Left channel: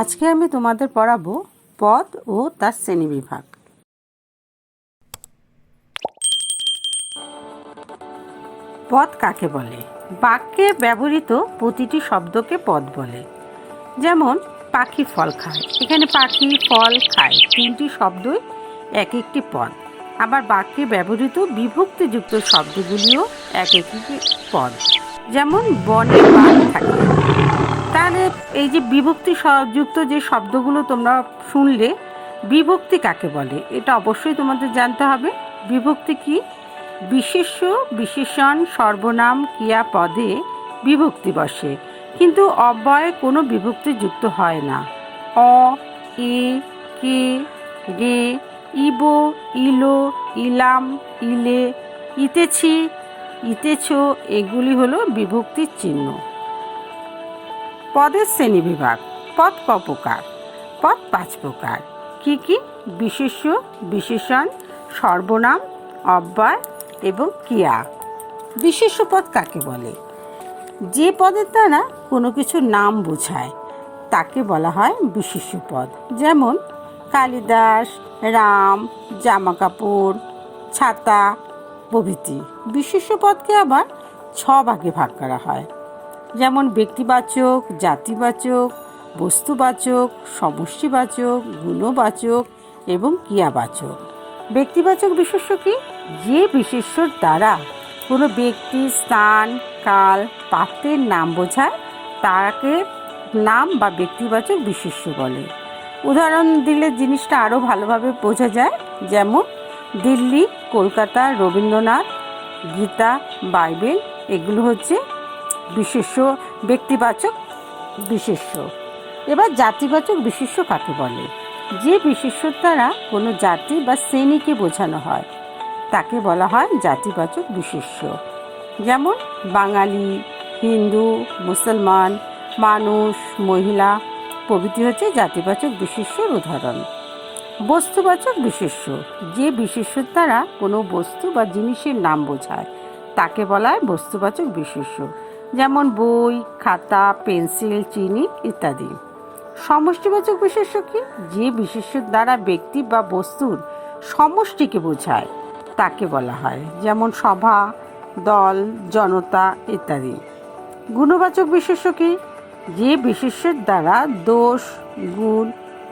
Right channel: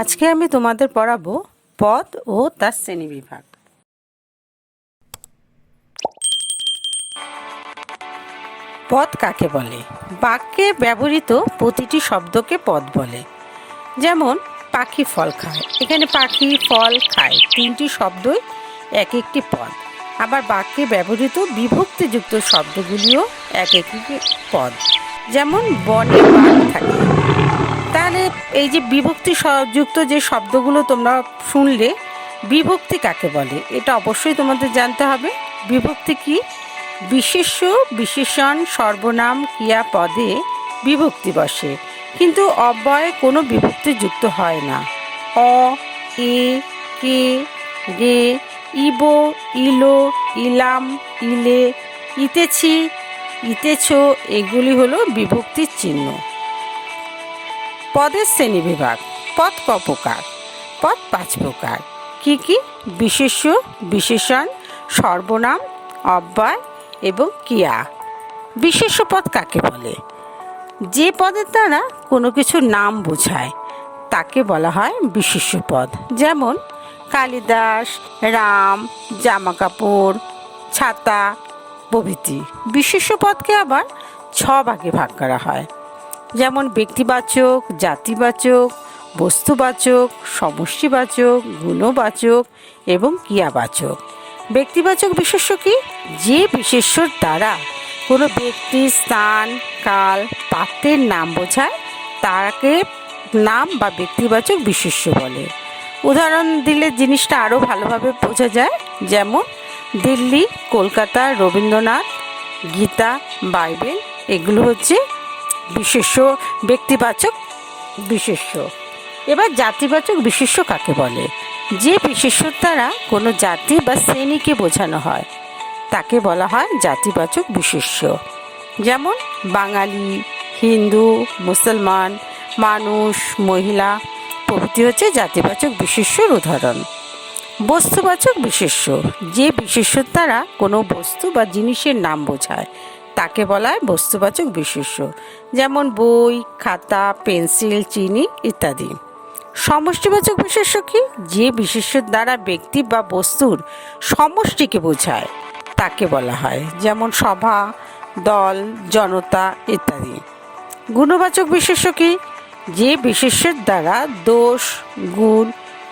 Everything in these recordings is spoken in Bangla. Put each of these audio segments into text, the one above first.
আজকে আমি তোমাদের পড়াবো পদ ও তার শ্রেণীবিভাগ। পদ কাকে বলে? বাক্যে ব্যবহৃত প্রতিটি শব্দকে পদ বলে। যেমন পাখি ফল খায়, এখানে পাখি ফল খায় তিনটি শব্দই এক একটি পদ। আবার বাক্যে ব্যবহৃত বিভক্তিযুক্ত শব্দগুলিও এক একটি পদ। যেমন বনে বাঘ থাকে। তাহলে এই যে বিভক্তি যুক্ত যে শব্দগুলো তোমরা শুনলে, বিভক্তি কাকে বলে এটা অবশ্যই তোমাদের জানতে হবে। বিভক্তি কি? বিশেষ্য, বিশেষণ, সর্বনাম, ক্রিয়াপদে বিভক্তি বসে, কিন্তু অব্যয়ে কোনো বিভক্তি যুক্ত হয় না। অ, এ, কে, গে, ইবো, ইলো, ইলাম, ইলে, ইতেছি, ইতেছ এগুলি হলো বিভক্তির চিহ্ন। পদের শ্রেণীবিভাগ। পদ ক প্রকার? পদ 5 প্রকার। কি কি? বিশেষ্য, বিশেষণ, সর্বনাম, অব্যয় এবং ক্রিয়া। বিশেষ্য পদ কাকে বলে? যে পদের দ্বারা কোনো কিছুর নাম বোঝায় তাকে বলা হয় বিশেষ্য পদ। যেমন কালিদাস, রাম, জামাকাপড়, ছাতা প্রভৃতি। বিশেষ্য পদকে আবার 6 ভাগে ভাগ করা হয়। যেমন ব্যক্তিবাচক, জাতিবাচক, বস্তুবাচক, সমষ্টিবাচক, গুণবাচক এবং ক্রিয়াবাচক। ব্যক্তিবাচক বিশেষ্য কি? যে বিশেষ্যর দ্বারা কোনো ব্যক্তি, স্থান, কাল, পাত্রের নাম বোঝায় তাকে নাম বা ব্যক্তিবাচক বিশেষ্য বলে। উদাহরণ দিলে জিনিসটা আরও ভালোভাবে বোঝা যায়। যেমন দিল্লি, কলকাতা, রবীন্দ্রনাথ, গীতা, বাইবেল এগুলো হচ্ছে বিশেষ্য, ব্যক্তিবাচক বিশেষ্য। এবার জাতিবাচক বিশেষ্য কাকে বলে? যে বিশেষ্যর দ্বারা কোনো জাতি বা শ্রেণীকে বোঝানো হয় তাকে বলা হয় জাতিবাচক বিশেষ্য। যেমন বাঙালি, হিন্দু, মুসলমান, মানুষ, মহিলা প্রভৃতি হচ্ছে জাতিবাচক বিশেষ্যর উদাহরণ। বস্তুবাচক বিশেষ্য। যে বিশেষ্যর দ্বারা কোনো বস্তু বা জিনিসের নাম বোঝায় তাকে বলা হয় বস্তুবাচক বিশেষ্য। যেমন বই, খাতা, পেন্সিল, চিনি ইত্যাদি। সমষ্টিবাচক বিশেষ্য কি? যে বিশেষ্যের দ্বারা ব্যক্তি বা বস্তুর সমষ্টিকে বোঝায় তাকে বলা হয়, যেমন সভা, দল, জনতা ইত্যাদি। গুণবাচক বিশেষ্য কি? যে বিশেষ্যের দ্বারা দোষ, গুণ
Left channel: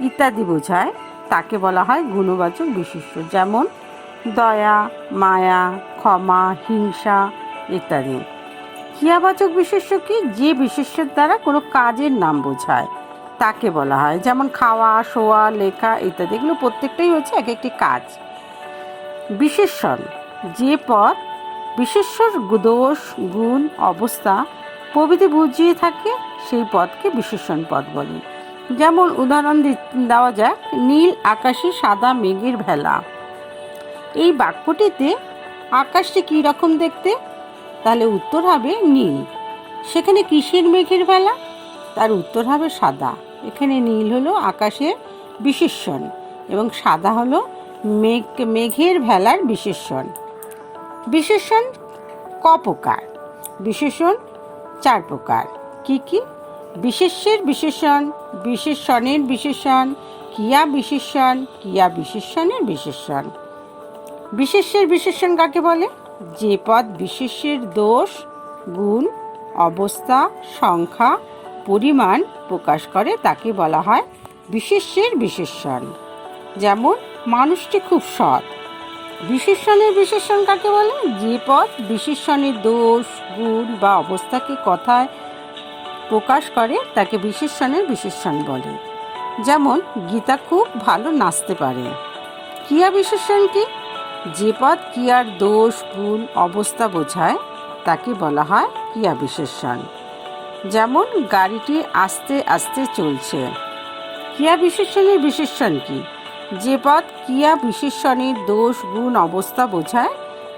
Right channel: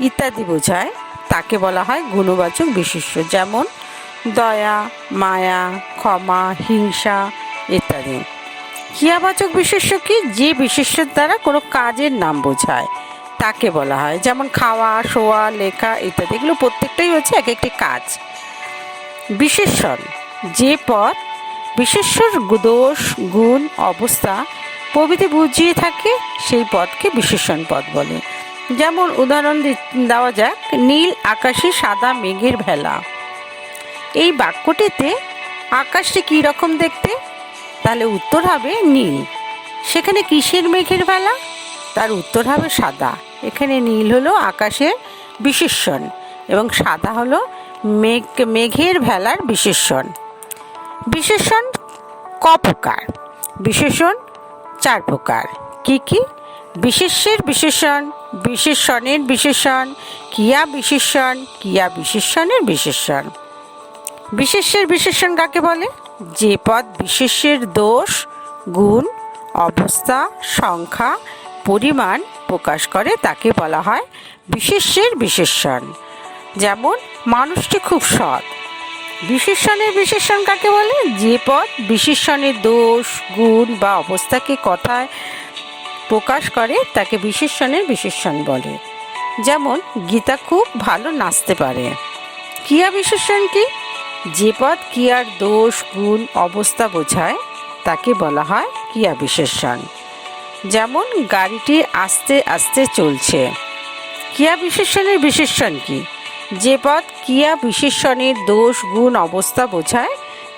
ইত্যাদি বোঝায় তাকে বলা হয় গুণবাচক বিশেষ্য। যেমন দয়া, মায়া, ক্ষমা, হিংসা ইত্যাদি। ক্রিয়াবাচক বিশেষ্য কি? যে বিশেষ্যের দ্বারা কোনো কাজের নাম বোঝায় তাকে বলা হয়, যেমন খাওয়া, শোয়া, লেখা ইত্যাদি। এগুলো প্রত্যেকটাই হচ্ছে এক একটি কাজ। বিশেষণ। যে পদ বিশেষ্যর দোষ, গুণ, অবস্থা প্রভৃতি বুঝিয়ে থাকে সেই পদকে বিশেষণ পদ বলে। যেমন উদাহরণ দেওয়া যাক, নীল আকাশে সাদা মেঘের ভেলা। এই বাক্যটিতে আকাশটি কী রকম দেখতে? তাহলে উত্তর হবে নীল। সেখানে কিসের মেঘের ভেলা? তার উত্তর হবে সাদা। এখানে নীল হলো আকাশের বিশেষণ এবং সাদা হলো মেঘের ভেলার বিশেষণ। বিশেষণ ক প্রকার? বিশেষণ 4 প্রকার। কি কি? বিশেষ্যের বিশেষণ, বিশেষণের বিশেষণ, ক্রিয়া বিশেষণ, ক্রিয়া বিশেষণের বিশেষণ। বিশেষ্যের বিশেষণ কাকে বলে? যে পদ বিশেষ্যের দোষ, গুণ, অবস্থা, সংখ্যা, পরিমাণ প্রকাশ করে তাকে বলা হয় বিশেষ্যের বিশেষণ। যেমন মানুষটি খুব সৎ। বিশেষণের বিশেষণ কাকে বলে? যে পদ বিশেষণের দোষ, গুণ বা অবস্থাকে কথায় প্রকাশ করে তাকে বিশেষণের বিশেষণ বলে। যেমন গীতা খুব ভালো নাচতে পারে। ক্রিয়া বিশেষণ কি? যে পদ ক্রিয়ার দোষ, গুণ, অবস্থা বোঝায় তাকে বলা হয় ক্রিয়া বিশেষণ। যেমন গাড়িটি আস্তে আস্তে চলছে। ক্রিয়া বিশেষণের বিশেষণ কি? যে পদ ক্রিয়া বিশেষণের দোষ, গুণ, অবস্থা বোঝায়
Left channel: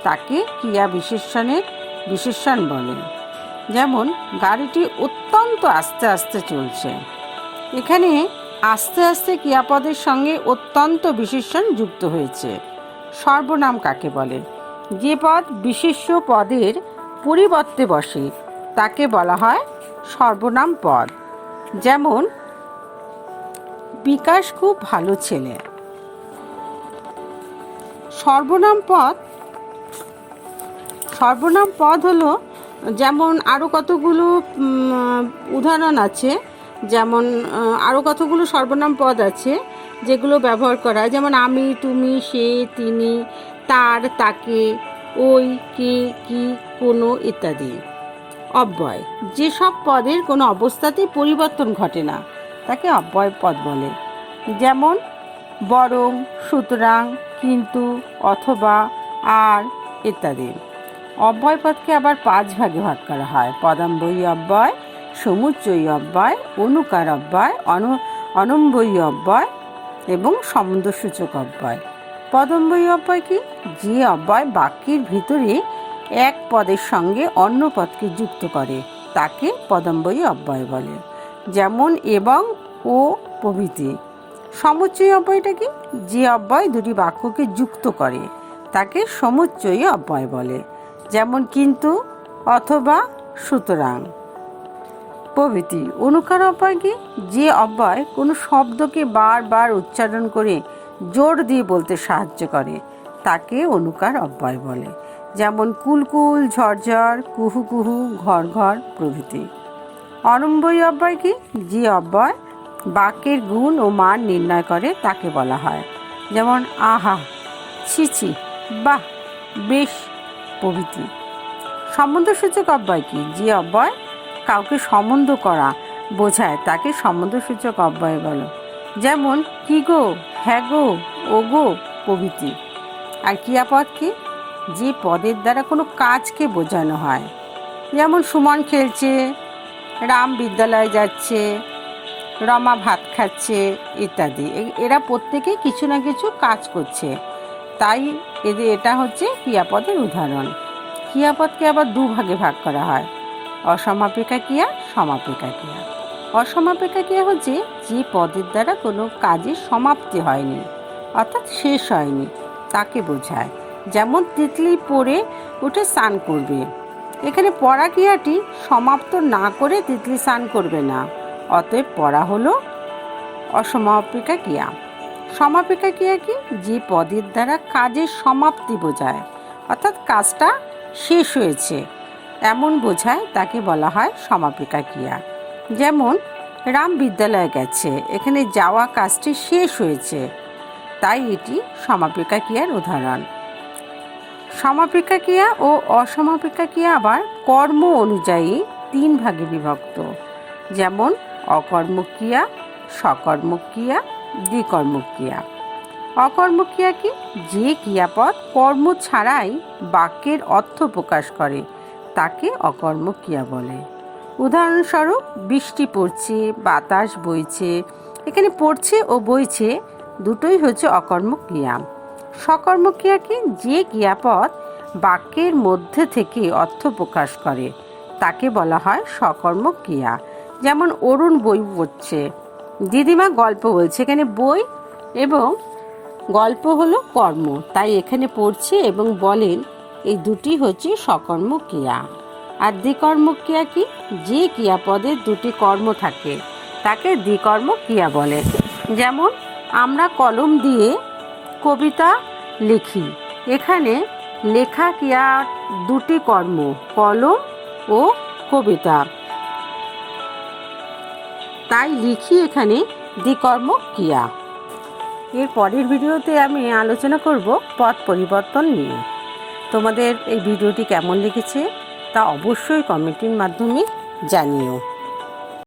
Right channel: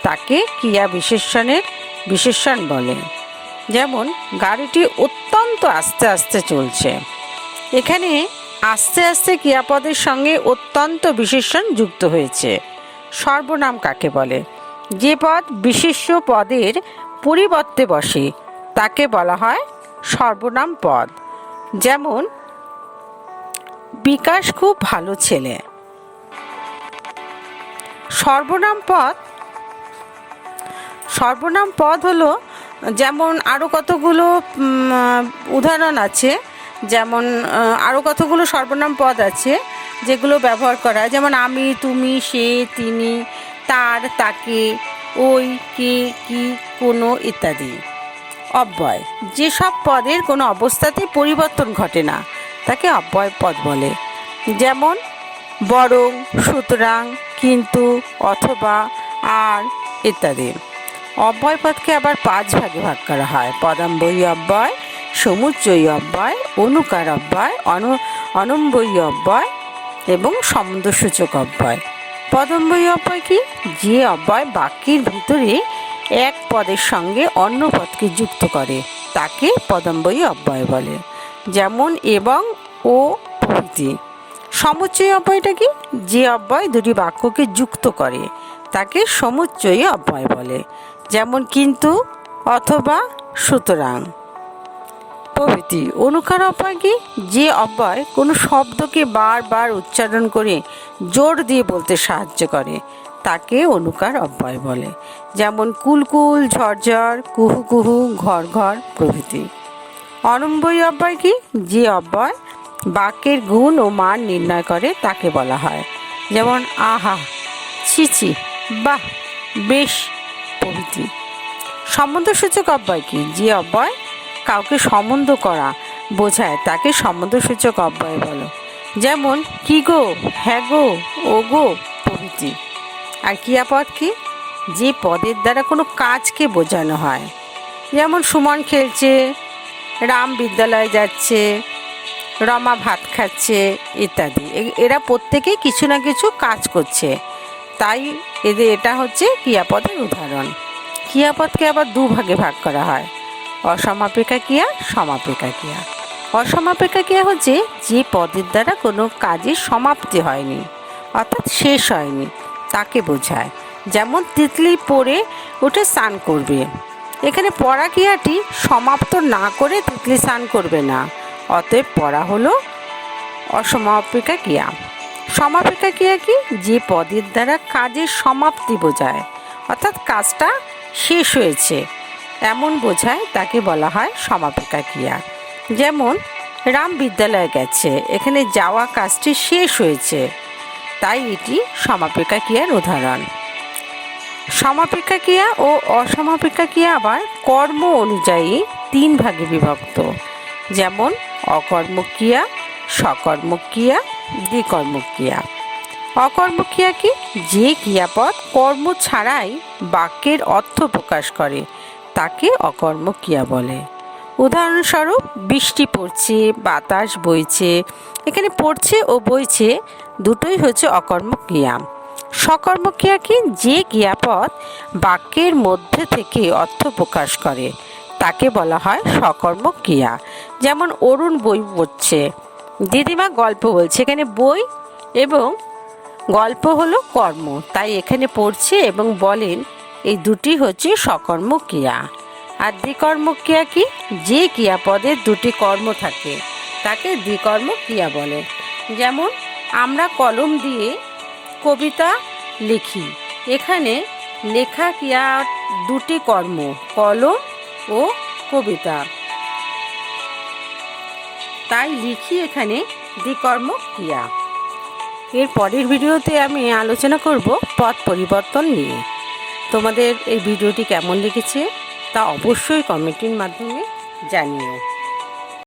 তাকে ক্রিয়া বিশেষণের বিশেষণ বলে। যেমন গাড়িটি অত্যন্ত আস্তে আস্তে চলছে। এখানে আস্তে আস্তে ক্রিয়াপদের সঙ্গে অত্যন্ত বিশেষণ যুক্ত হয়েছে। সর্বনাম কাকে বলে? যে পদ বিশেষ্য পদের পরিবর্তে বসে তাকে বলা হয় সর্বনাম পদ। যেমন বিকাশ খুব ভালো ছেলে। সর্বনাম পদ হলো, যেমন আরও কতগুলো উদাহরণ আছে, যেমন আরও কতগুলো সর্বনাম পদ আছে যেগুলো ব্যবহার করা হয়, যেমন আমি, তুমি, সে, তিনি, তার, তাকে, ওই, কে, কি, কোনো ইত্যাদি। অব্যয়, যেসব পদের কোনো অবস্থাতেই পরিবর্তন ঘটে না তাকে অব্যয় পদ বলে, যেমন বরং, সুতরাং, কিন্তু, অথবা, আর ইত্যাদি। অব্যয় পদকে আবার 5 ভাগে ভাগ করা হয়: পদান্বয়ী অব্যয়, সমুচ্চয়ী অব্যয়, অনুকার অব্যয়, অনম্বয়ী অব্যয় এবং সম্বন্ধসূচক অব্যয়। পদান্বয়ী অব্যয় কি? যে অব্যয় বাক্যের ভিতরে এক পদের সঙ্গে অন্য পদকে যুক্ত করে তাকে পদান্বয়ী অব্যয় বলে, যেমন এবং, ও প্রভৃতি। সমুচ্চয়ী অব্যয়টা কি? যে অব্যয় দুটি বাক্যকে যুক্ত করে তাকে সমুচ্চয়ী অব্যয় বলে, যেমন কিন্তু, অথবা, সুতরাং প্রভৃতি। অনুকার অব্যয় কি? যে অব্যয় কোনো শব্দকে বারবার উচ্চারণ করে জোর দিয়ে বলতে সাহায্য করে তাকে অনুকার অব্যয় বলে, যেমন কুলকুল, ঝরঝর, কুহু কুহু, ঘর ঘর প্রভৃতি। অনম্বয়ী অব্যয় কি? যে অব্যয় বাক্যের গুণ ও মান নির্ণয় করে তাকে বলা হয়, যেমন আহা, ছিছি, বাহ, বেশ প্রভৃতি। সম্বন্ধসূচক অব্যয় কি? যে অব্যয় কাউকে সম্বন্ধ করা বোঝায় তাকে সম্বন্ধসূচক অব্যয় বলো, যেমন কি গো, হ্যাঁ গো, ও গো প্রভৃতি। আর ক্রিয়াপদ কি? যে পদের দ্বারা কোনো কাজকে বোঝানো হয়, যেমন সুমন খেলছে, রাম বিদ্যালয়ে যাচ্ছে, রমা ভাত খাচ্ছে ইত্যাদি। এরা প্রত্যেকেই কিছু না কিছু কাজ করছে, তাই এটা হচ্ছে ক্রিয়াপদের উদাহরণ। ক্রিয়াপদকে আবার 2 ভাগে ভাগ করা হয়: অসমাপিকা ক্রিয়া, সমাপিকা ক্রিয়া। অসমাপিকা ক্রিয়া হচ্ছে যে পদের দ্বারা কোনো কাজের সমাপ্তি হয়নি, অর্থাৎ শেষ হয়নি, তাকে বোঝায়, যেমন তিতলি পড়ে উঠে স্নান করবে। এখানে পড়া ক্রিয়াটি সমাপ্ত না করে তিতলি স্নান করবে না, অতএব পড়া হলো অসমাপিকা ক্রিয়া। সমাপিকা ক্রিয়া কি? যে পদের দ্বারা কাজের সমাপ্তি বোঝায়, অর্থাৎ কাজটা শেষ হয়েছে এমন বোঝায়, তাকে বলা হয় সমাপিকা ক্রিয়া। যেমন রাম বিদ্যালয়ে গেছে, এখানে যাওয়া কাজটি শেষ হয়েছে, তাই এটি সমাপিকা ক্রিয়ার উদাহরণ। সমাপিকা ক্রিয়া ও অসমাপিকা ক্রিয়া আবার কর্ম অনুযায়ী 3 ভাগে বিভক্ত, যেমন অকর্মক ক্রিয়া, সকর্মক ক্রিয়া, দ্বিকর্মক ক্রিয়া। অকর্মক ক্রিয়া কি? যে ক্রিয়াপদ কর্ম ছাড়াই বাক্যের অর্থ প্রকাশ করে তাকে অকর্মক ক্রিয়া বলে। উদাহরণস্বরূপ বৃষ্টি পড়ছে, বাতাস বইছে। এখানে পড়ছে ও বইছে দুটোই হচ্ছে অকর্মক ক্রিয়া। সকর্মক ক্রিয়া কি? যে ক্রিয়াপদ বাক্যের মধ্যে থেকে অর্থ প্রকাশ করে তাকে বলা হয় সকর্মক ক্রিয়া। যেমন অরুণ বই পড়ছে, দিদিমা গল্প বলছে। এখানে বই এবং গল্প হলো কর্ম, তাই এখানে পড়ছে এবং বলেন এই দুটি হচ্ছে সকর্মক ক্রিয়া। আর দ্বিকর্মক ক্রিয়া কি? যে ক্রিয়াপদের 2টি কর্ম থাকে তাকে দ্বিকর্মক ক্রিয়া বলে। যেমন আমরা কলম দিয়ে কবিতা লিখি, এখানে লেখা ক্রিয়ার 2টি কর্ম, কলম ও কবিতা, তাই লিখি এখানে দ্বিকর্মক ক্রিয়া। এর পরের ভিডিওতে আমি আলোচনা করব পদ পরিবর্তন নিয়ে। তোমাদের এই ভিডিওটি কেমন লেগেছে তা অবশ্যই কমেন্টের মাধ্যমে জানিও।